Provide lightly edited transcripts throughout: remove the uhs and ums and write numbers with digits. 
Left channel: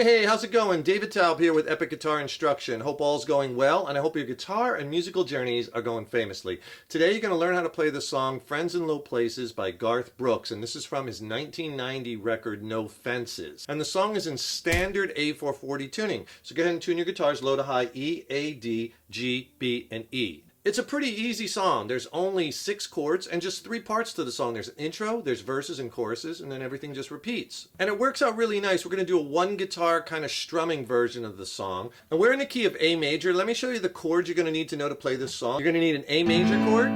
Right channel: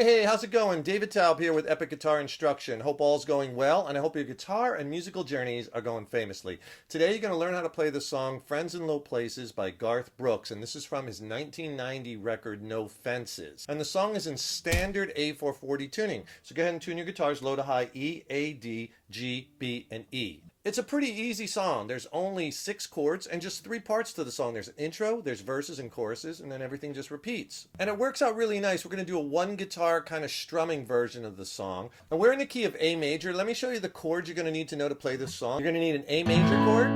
Hey, how's it going? David Taub here with Epic Guitar Instruction. Hope all's going well, and I hope your guitar and musical journeys are going famously. Today you're going to learn how to play the song Friends in Low Places by Garth Brooks, and this is from his 1990 record No Fences. And the song is in standard A440 tuning. So go ahead and tune your guitars low to high E, A, D, G, B, and E. It's a pretty easy song. There's only 6 chords and just 3 parts to the song. There's an intro, there's verses and choruses, and then everything just repeats. And it works out really nice. We're going to do a one guitar kind of strumming version of the song. And we're in the key of A major. Let me show you the chords you're going to need to know to play this song. You're going to need an A major chord.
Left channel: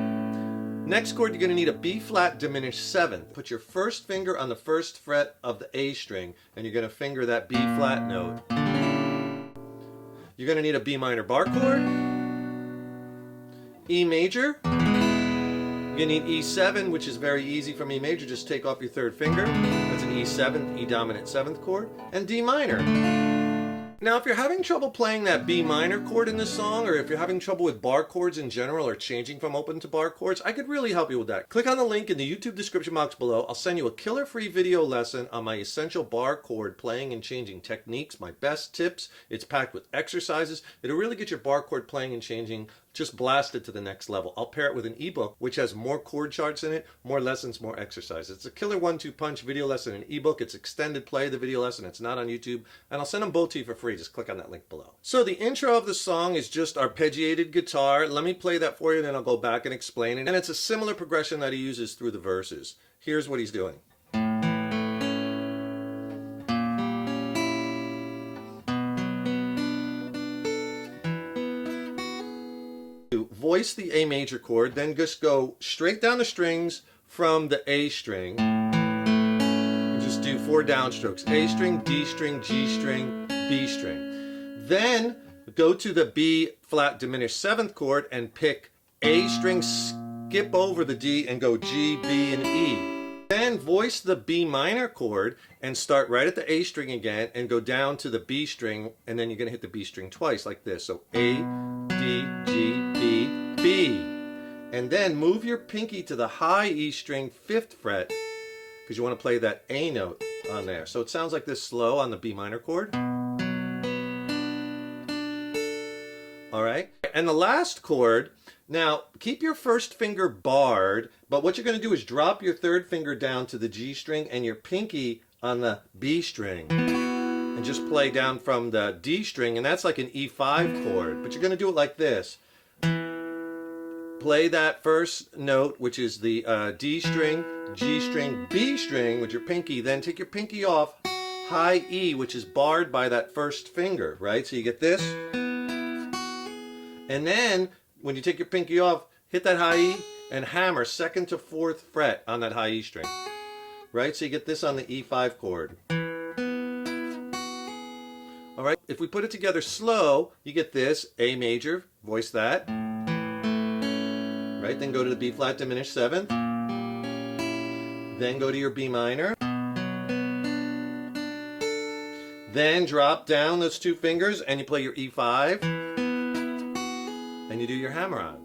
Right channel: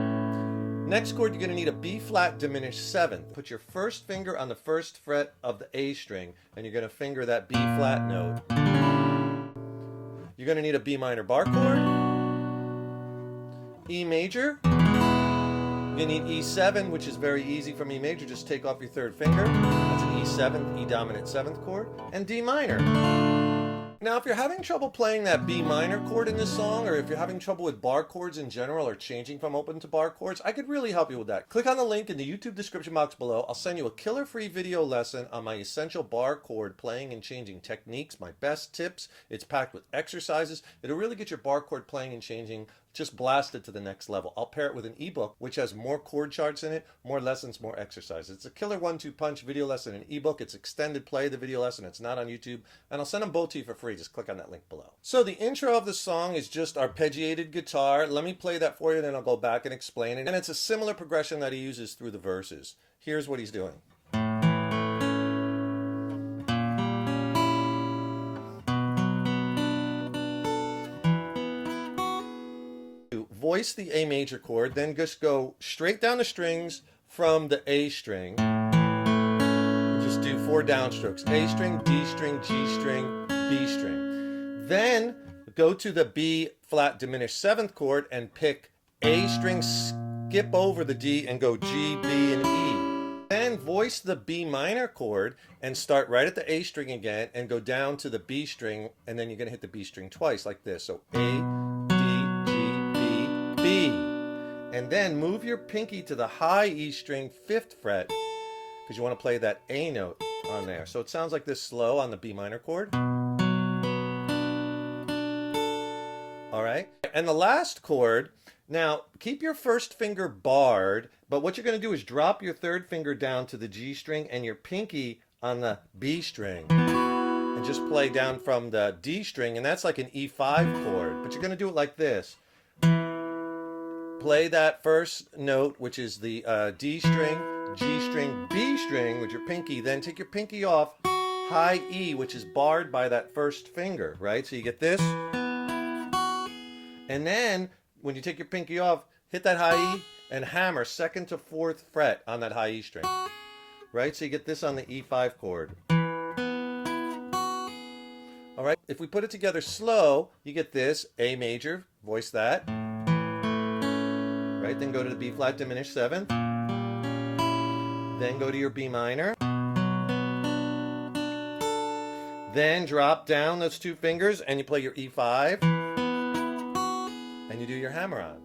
Next chord, you're going to need a B flat diminished 7th. Put your first finger on the first fret of the A string, and you're going to finger that B flat note. You're going to need a B minor bar chord. E major, you're going to need E7, which is very easy from E major. Just take off your third finger. That's an E7, E dominant 7th chord, and D minor. Now, if you're having trouble playing that B minor chord in this song, or if you're having trouble with bar chords in general, or changing from open to bar chords, I could really help you with that. Click on the link in the YouTube description box below. I'll send you a killer free video lesson on my essential bar chord playing and changing techniques, my best tips. It's packed with exercises. It'll really get your bar chord playing and changing just blasted to the next level. I'll pair it with an ebook, which has more chord charts in it, more lessons, more exercises. It's a killer 1-2 punch video lesson and ebook. It's extended play, the video lesson. It's not on YouTube. And I'll send them both to you for free. Just click on that link below. So the intro of the song is just arpeggiated guitar. Let me play that for you, then I'll go back and explain it. And it's a similar progression that he uses through the verses. Here's what he's doing. Voice the A major chord, then just go straight down the strings from the A string. And just do 4 downstrokes. A string, D string, G string, B string. Then go to the B flat diminished 7th chord and pick A string, skip over the D and go G, B, and E. Then voice the B minor chord and start right at the A string again and go down to the B string, and then you're going to hit the B string twice like this. So A, D, G, B, B. And then move your pinky to the high E string 5th fret because you want to play that A note on there. So it sounds like this slow on the B minor chord. All right. And the last chord, now keep your first finger barred, but what you're going to do is drop your third finger down to the G string and your pinky on the B string. And just play down from the D string, and that's like an E5 chord. But you're going to do it like this. Play that first note, which is the D string, G string, B string with your pinky. Then take your pinky off, high E, which is barred by that first finger, right? So you get this. And then, when you take your pinky off, hit that high E and hammer 2nd to 4th fret on that high E string. Right? So you get this on the E5 chord. All right, if we put it together slow, you get this, A major, voice that. Right, then go to the B flat diminished 7th. Then go to your B minor. Then drop down those 2 fingers and you play your E5. And you do your hammer on.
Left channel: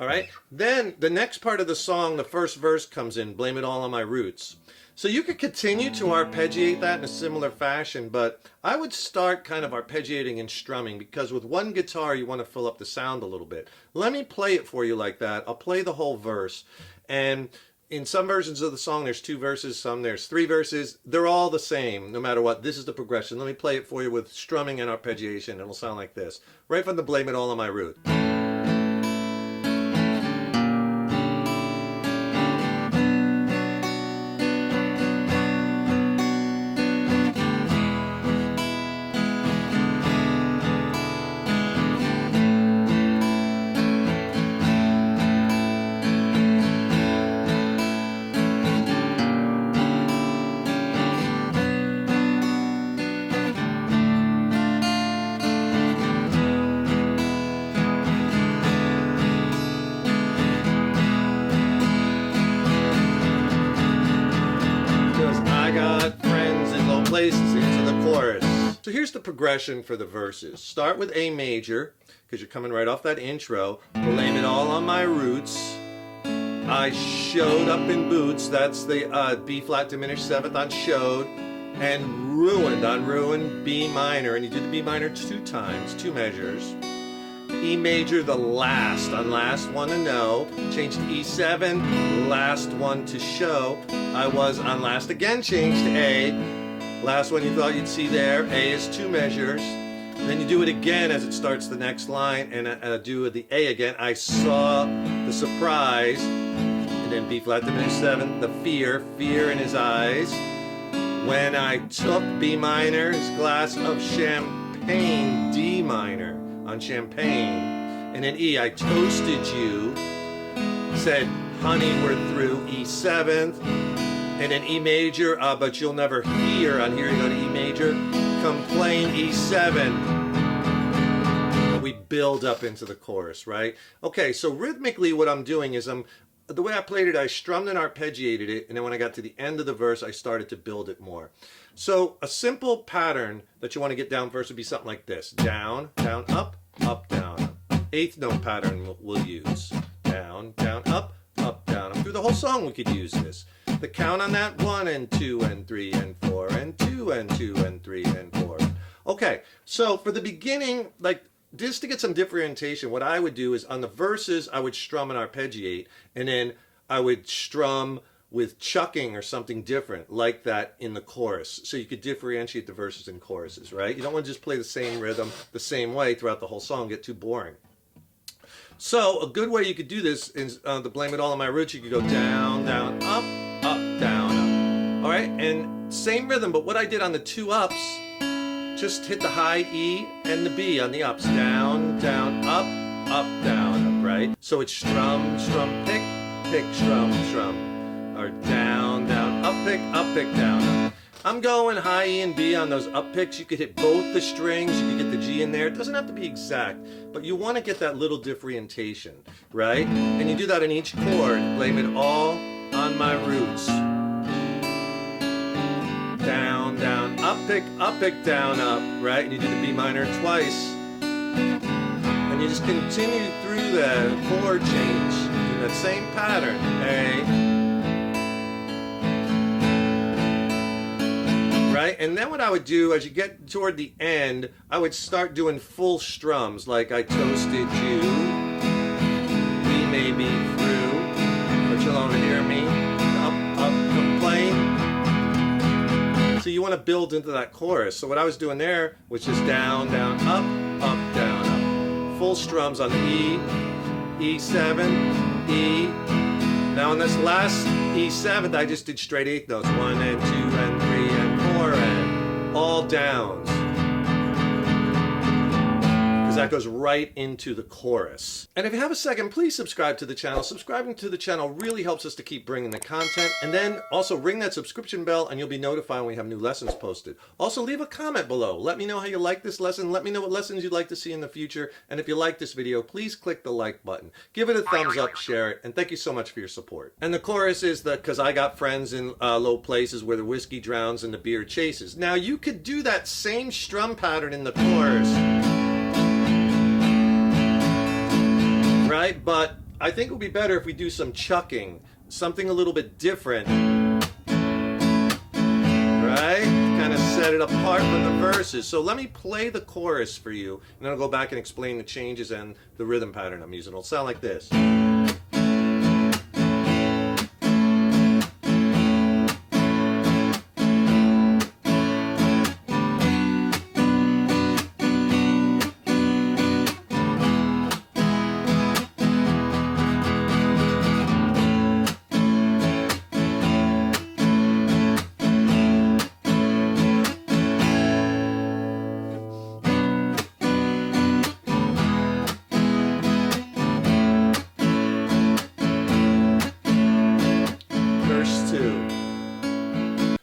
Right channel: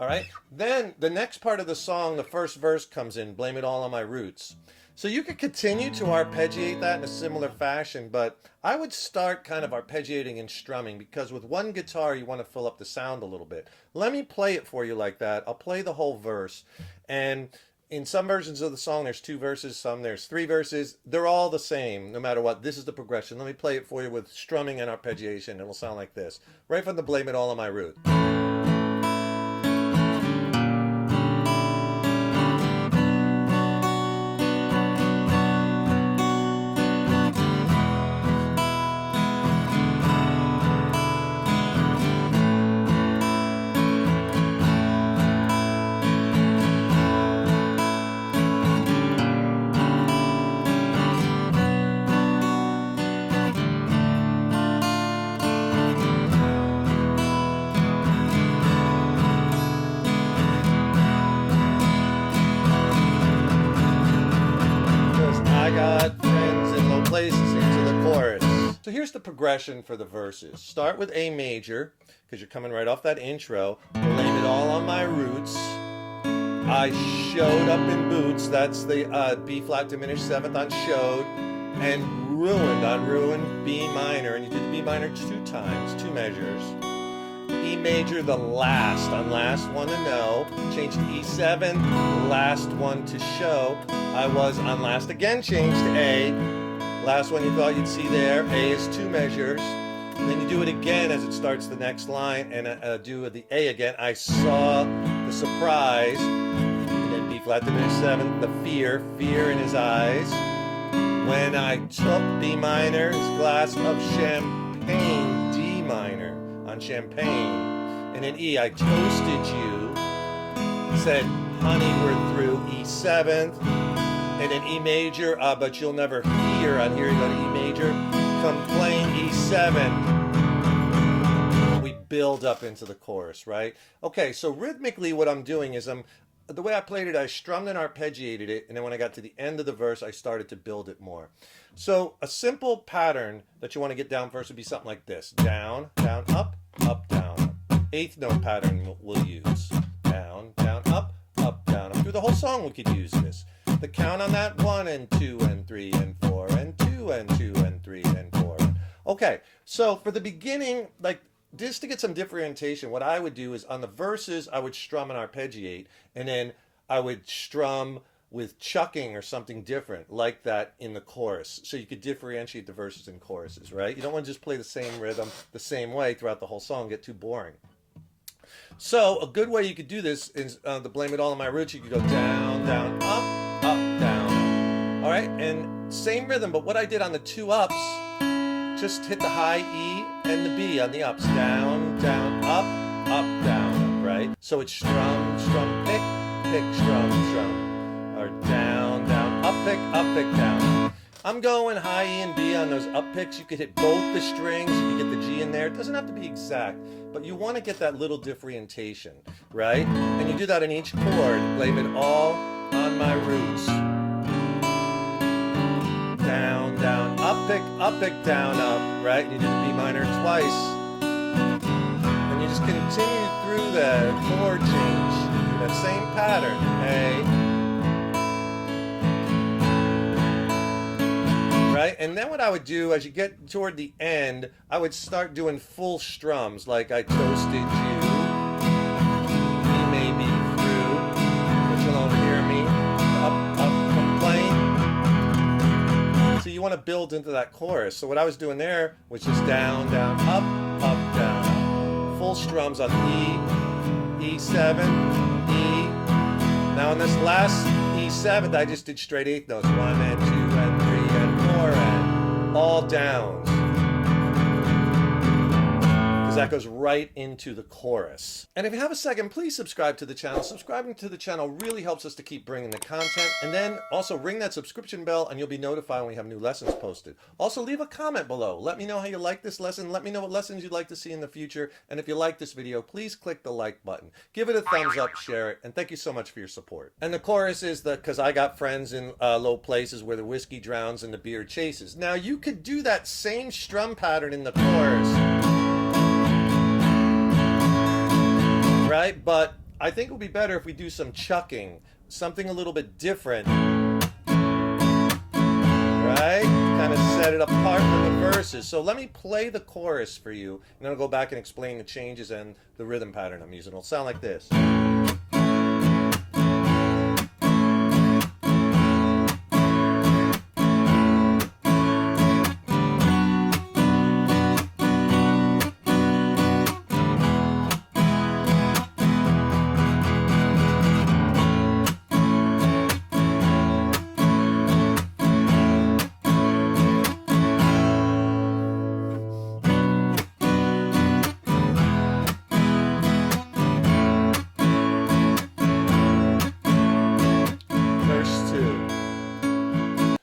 All right, then the next part of the song, the first verse comes in, blame it all on my roots. So you could continue to arpeggiate that in a similar fashion, but I would start kind of arpeggiating and strumming because with one guitar you want to fill up the sound a little bit. Let me play it for you like that. I'll play the whole verse. And in some versions of the song there's 2 verses, some there's 3 verses. They're all the same no matter what. This is the progression. Let me play it for you with strumming and arpeggiation. It'll sound like this. Right from the blame it all on my root. Here's the progression for the verses. Start with A major, because you're coming right off that intro. Blame it all on my roots. I showed up in boots. That's the B flat diminished 7th on showed. And ruined on ruined B minor, and you do the B minor 2 times, 2 measures. E major, the last, on last one to know, changed to E7, last one to show. I was on last again, changed to A. Last one you thought you'd see there, A is 2 measures. Then you do it again as it starts the next line, and do the A again. I saw the surprise, and then B flat diminished 7, the fear in his eyes. When I took B minor, his glass of champagne, D minor on champagne. And then E, I toasted you, said, honey, we're through E7th. And then E major, but you'll never hear, on here you go to E major, complain E7. We build up into the chorus, right? Okay, so rhythmically what I'm doing is the way I played it, I strummed and arpeggiated it, and then when I got to the end of the verse, I started to build it more. So a simple pattern that you want to get down first would be something like this. Down, down, up, up, down. 8th note pattern we'll use. Down, down, up, down. Through the whole song we could use this. The count on that, 1 and 2 and 3 and 4 and 2 and 2 and 3 and 4. Okay, so for the beginning, like just to get some differentiation, what I would do is on the verses, I would strum and arpeggiate, and then I would strum with chucking or something different like that in the chorus. So you could differentiate the verses and choruses, right? You don't want to just play the same rhythm the same way throughout the whole song, get too boring. So a good way you could do this is the Blame It All on My Roots. You could go down, down, up, down. All right, and same rhythm, but what I did on the 2 ups, just hit the high E and the B on the ups. Down, down, up, down, right? So it's strum, strum, pick, pick, strum, strum. Or down, down, up, pick, down. I'm going high E and B on those up picks. You could hit both the strings. You could get the G in there. It doesn't have to be exact, but you want to get that little differentiation, right? And you do that in each chord. Blame it all on my roots. Down, down, up, down, up, right? And you do the B minor twice. And you just continue through that chord change in that same pattern. A. Right? And then what I would do as you get toward the end, I would start doing full strums, like I toasted you. We may be through, but you'll only hear me. Up, complain. So you want to build into that chorus. So what I was doing there was just down, down, up, down, up. Full strums on E, E7, E. Now on this last E7th, I just did straight 8th notes. 1 and 2 and 3 and 4 and all downs. That goes right into the chorus. And if you have a second, please subscribe to the channel. Subscribing to the channel really helps us to keep bringing the content. And then also ring that subscription bell and you'll be notified when we have new lessons posted. Also leave a comment below. Let me know how you like this lesson. Let me know what lessons you'd like to see in the future. And if you like this video, please click the like button. Give it a thumbs up, share it, and thank you so much for your support. And the chorus is the "'Cause I got friends in low places where the whiskey drowns and the beer chases." Now you could do that same strum pattern in the chorus. Right? But I think it would be better if we do some chucking, something a little bit different, right? Kind of set it apart from the verses. So let me play the chorus for you, and then I'll go back and explain the changes and the rhythm pattern I'm using. It'll sound like this.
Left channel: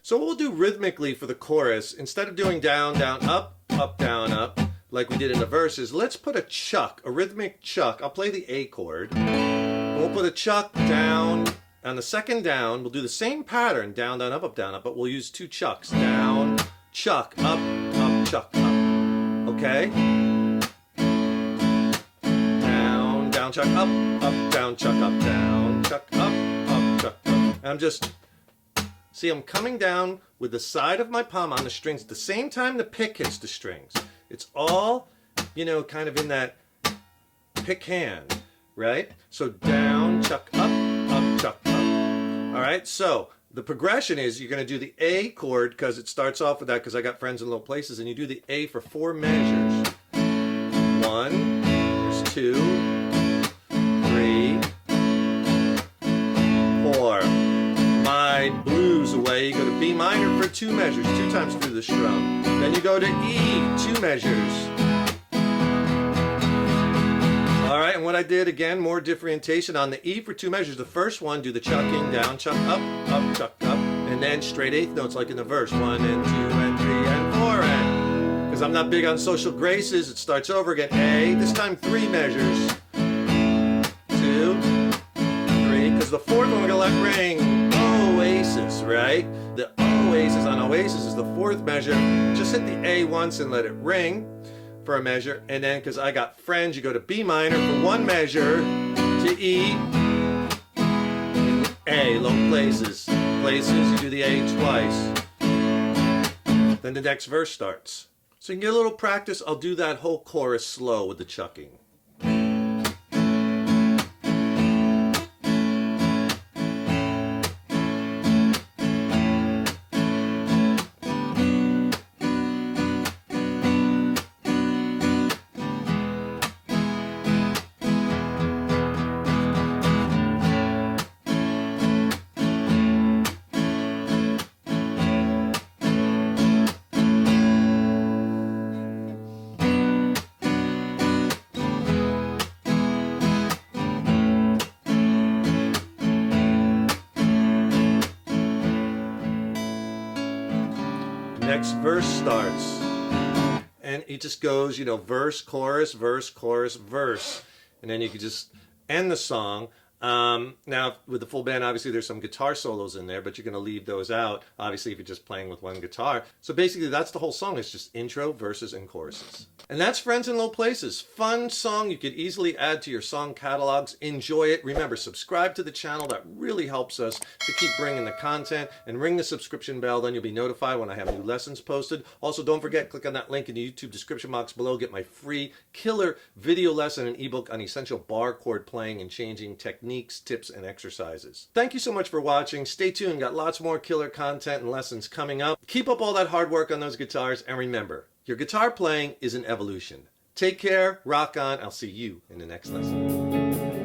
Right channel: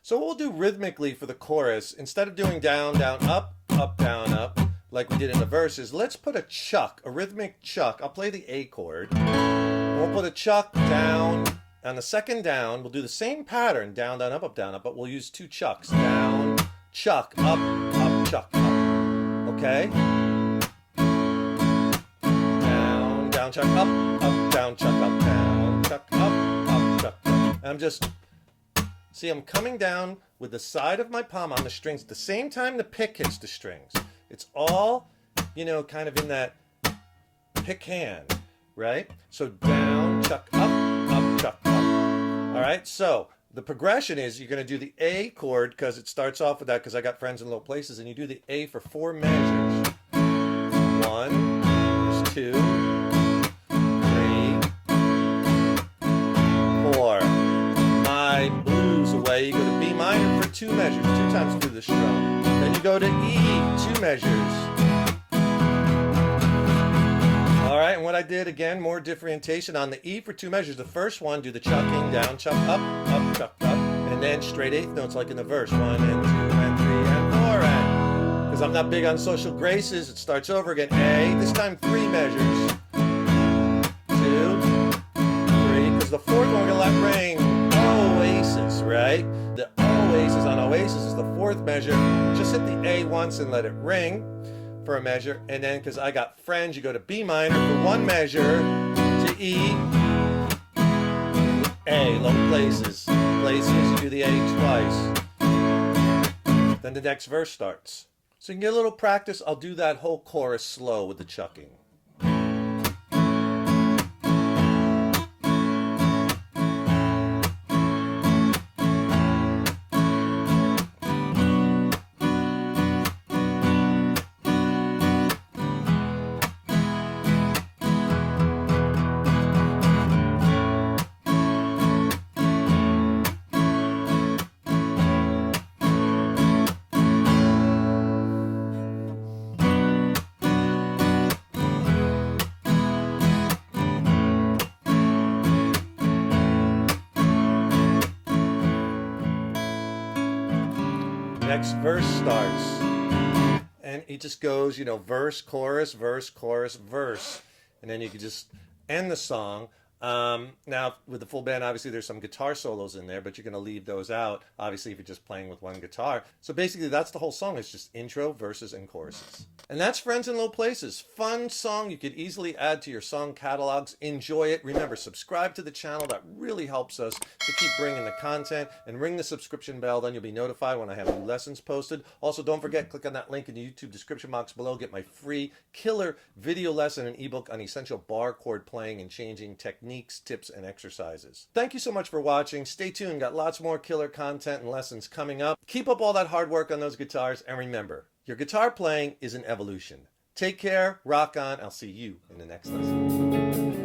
So what we'll do rhythmically for the chorus, instead of doing down, down, up, down, up, like we did in the verses, let's put a chuck, a rhythmic chuck. I'll play the A chord. And we'll put a chuck down. On the second down, we'll do the same pattern, down, down, up, but we'll use 2 chucks. Down, chuck, up, chuck, up. Okay? Down, down, chuck, up, down, chuck, up, down, chuck, up, chuck. I'm just... See, I'm coming down with the side of my palm on the strings at the same time the pick hits the strings. It's all, you know, kind of in that pick hand, right? So down, chuck, up, chuck, up. All right, so the progression is you're going to do the A chord because it starts off with that because I got friends in low places, and you do the A for 4 measures. 1, there's 2, 3, 4. My blues away, you go to B minor for 2 measures, 2 times through the strum. Then you go to E, 2 measures. Alright, and what I did, again, more differentiation on the E for 2 measures. The first one, do the chucking, down, chuck, up, chuck, up. And then straight eighth notes like in the verse. 1 and 2 and 3 and 4 and. Because I'm not big on social graces, it starts over again. A, this time 3 measures. 2, 3, because the fourth one we're going to let ring. Oasis, right? The Oasis on Oasis is the 4th measure. Just hit the A once and let it ring for a measure, and then because I got friends, you go to B minor for 1 measure to E, A, low places, you do the A twice. Then the next verse starts. So you can get a little practice. I'll do that whole chorus slow with the chucking. Next verse starts, and it just goes, you know, verse, chorus, verse, and then you can just end the song. Now, with the full band, obviously there's some guitar solos in there, but you're going to leave those out, obviously, if you're just playing with one guitar. So basically, that's the whole song. It's just intro, verses, and choruses. And that's Friends in Low Places. Fun song you could easily add to your song catalogs. Enjoy it. Remember, subscribe to the channel. That really helps us to keep bringing the content. And ring the subscription bell. Then you'll be notified when I have new lessons posted. Also, don't forget, click on that link in the YouTube description box below. Get my free killer video lesson and ebook on essential bar chord playing and changing techniques, tips, and exercises. Thank you so much for watching. Stay tuned. Got lots more killer content and lessons coming up. Keep up all that hard work on those guitars. And remember, your guitar playing is an evolution. Take care. Rock on. I'll see you in the next lesson.